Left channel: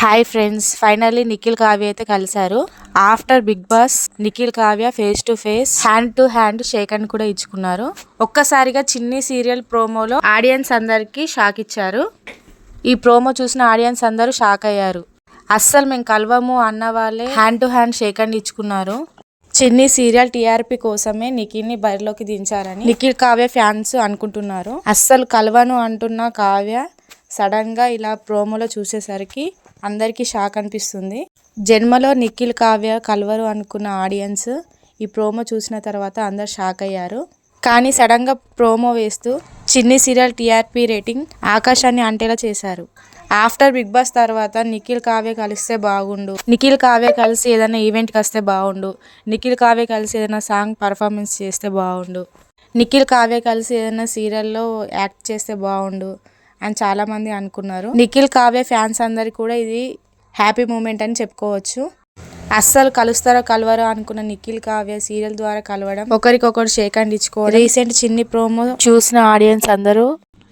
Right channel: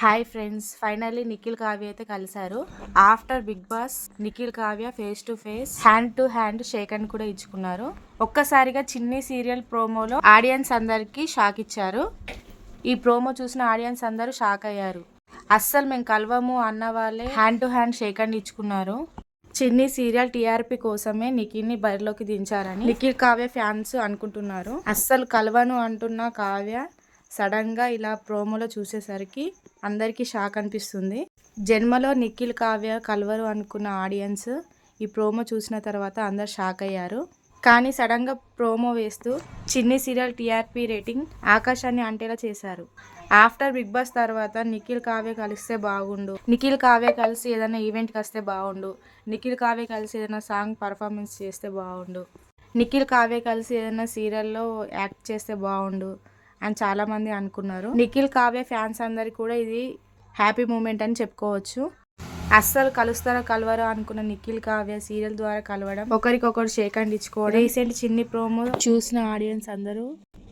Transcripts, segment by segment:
Hi friends, finally Nikhil Kavya అయితే కలిశారు. After Bigg Boss Nikhil Kavya face to face, hand to hand shake hand కూడా ఇచ్చుకున్నారు. ఒక్కసారిగా చిన్ని సీరియల్ ప్రోమోలో ఆడియన్స్ అందరికి షాక్ ఇచ్చారు. ఈ ప్రోమో చూసిన ఆడియన్స్ అందరూ షాక్ అయ్యారు. అస్సలు మేము కలవము అన్న వాళ్ళే hand to hand shake hand ఇచ్చుకున్నారు. చిన్ని సీరియల్ టీఆర్పీ కోసమే నిఖిల్ ని బరిలోకి దించారని నిఖిల్ కావ్య ఫ్యాన్స్ అనుకుంటున్నారు. అస్సలు కలవను అంటున్న కావ్య సడన్ గా ఇలా ప్రోమోలో చూసేసరికి అందరికీ షాక్ అనిపిస్తుంది. జన్మలో నిఖిల్ కావ్య కలవరు అనుకున్న ఆడియన్స్ ఈ ప్రోమో చూసిన తర్వాత అందరు షాక్ అయ్యారు. కానీ సడన్ గా ప్రోమో వేస్తూ చిన్ని సీరియల్ టీఆర్పీ రేటింగ్ ఆకాశాన్ని అంటేలా చేశారు. ఆఫ్టర్ బిగ్ బాస్ తర్వాత నిఖిల్ కావ్య కలిస్తే బాగుండు, నిఖిల్ కావ్య కలిసి ఏదైనా ఈవెంట్కి వస్తే బాగుండు, నిఖిల్ కావ్య కలిసి ఏదైనా సాంగ్ పర్ఫార్మెన్స్ చేస్తే బాగుండు, నిఖిల్ కావ్య కలిసి ఏదైనా సీరియల్లో యాక్ట్ చేస్తే బాగుండు అని చాలామంది అనుకున్నారు. నిఖిల్ కావ్య ఫ్యాన్స్ అందరికి కూడా ఇది హ్యాపీ మూమెంట్ అని చెప్పుకోవచ్చు. అస్సలు కలుస్తారో కలవరో అనుకున్న నిఖిల్ కావ్య సీరియల్ ద్వారా కలవడం, ఒకరికొకరు షేక్ హ్యాండ్ ఇచ్చుకోవడం, రీసెంట్ చిన్ని ప్రోమో చూసిన ఆడియన్స్ అందరూ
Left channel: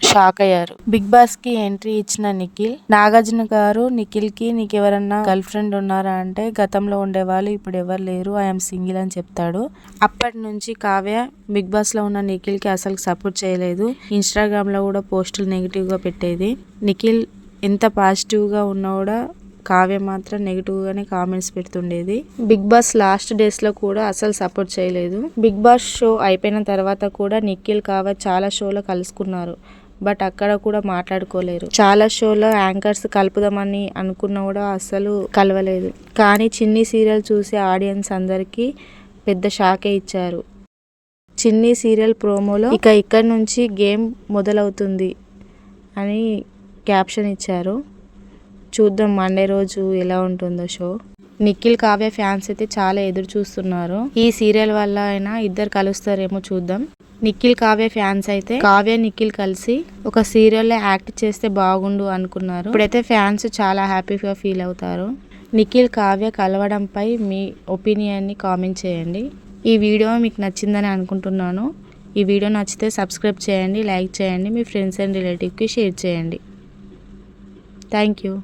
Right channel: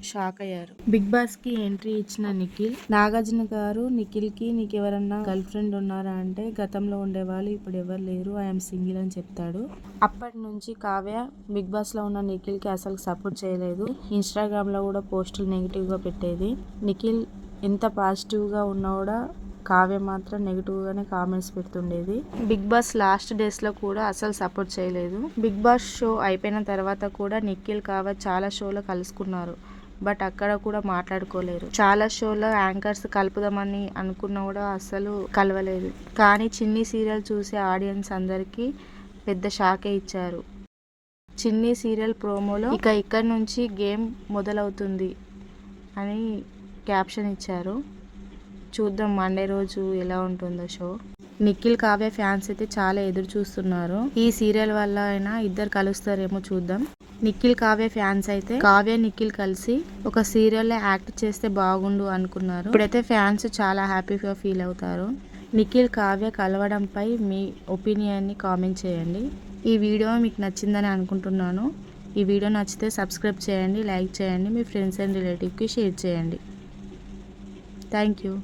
షాక్ అయ్యారు. బిగ్ బాస్ కి ఎంట్రీ ఇచ్చిన నిఖిల్, నాగార్జున గారు నిఖిల్ కి నీకెవరన్నా గర్ల్ ఫ్రెండ్ ఉన్నారా అంటే గతంలో ఉండేవాళ్ళు, ఇప్పుడు ఎవరు లేరు, ఐఎమ్ సింగిల్ అని చెప్తాడు. అప్పటి నుంచి కావ్య బిగ్ బాస్ లో ఉన్న నిఖిల్ కి అసలు సపోర్ట్ చేయలేదు. ఇన్స్టాగ్రామ్ లో కూడా పోస్టులు నెగిటివ్ గా పెట్టేది. నిఖిల్ ఎంత పాజిటివ్ గా ఉన్నా కూడా కావ్య మాత్రం నెగిటివ్ గానే కామెంట్స్ పెడుతుండేది. బిగ్ బాస్ లాస్ట్ డేస్ లో కూడా అసలు సపోర్ట్ చేయలేదు. బిగ్ బాస్ షో అయిపోయిన తర్వాత కూడా నిఖిల్ కావ్య చాలా షోలో కలుసుకున్నారు. బట్ అక్కడ కూడా మాట్లాడుకోలేరు. చాలా షోలో యాంకర్స్ కలుపుదామని అనుకున్నా కూడా అస్సలు కలవలేదు. కానీ చిన్ని సీరియల్ చూసే ఆడియన్స్ అందరికీ పెద్ద షాకే ఇచ్చారు. చిన్ని సీరియల్ ప్రోమోలో ఇక్కడి నుంచి గేమ్ మొదలవుతుంది అని క్యాప్షన్ ఇచ్చారు. చూద్దాం మండే రోజు ఎలా ఉంటుందో షో. నిఖిల్ కావ్య ఫ్యాన్స్ అయితే చాలా ఎదురు చూస్తున్నారు. ఈ సీరియల్ వల్ల అయినా ఇద్దరు కలుస్తారేమో చూద్దాం. నిఖిల్ కావ్య ఫ్యాన్స్ అయితే కావ్య నిఖిల్ కలిసి ఒక సీరియల్లో యాక్ట్ చేస్తే బాగుండు అనుకున్నారు. ఇప్పుడైతే ఫ్యాన్స్ చాలా హ్యాపీగా ఫీల్ అవుతారు. నిఖిల్ కావ్య కలవడంపై మీ ఒపీనియన్ని కామెంట్ చేయండి. ఈ వీడియో మీకు నచ్చిందని అనుకుంటున్నాను. ఈ వీడియో నచ్చితే సబ్స్క్రైబ్ చేయండి, లైక్ చేయండి, మీ ఫ్రెండ్స్ అండ్ రిలేటివ్కి షేర్ చేయండి. Thank you.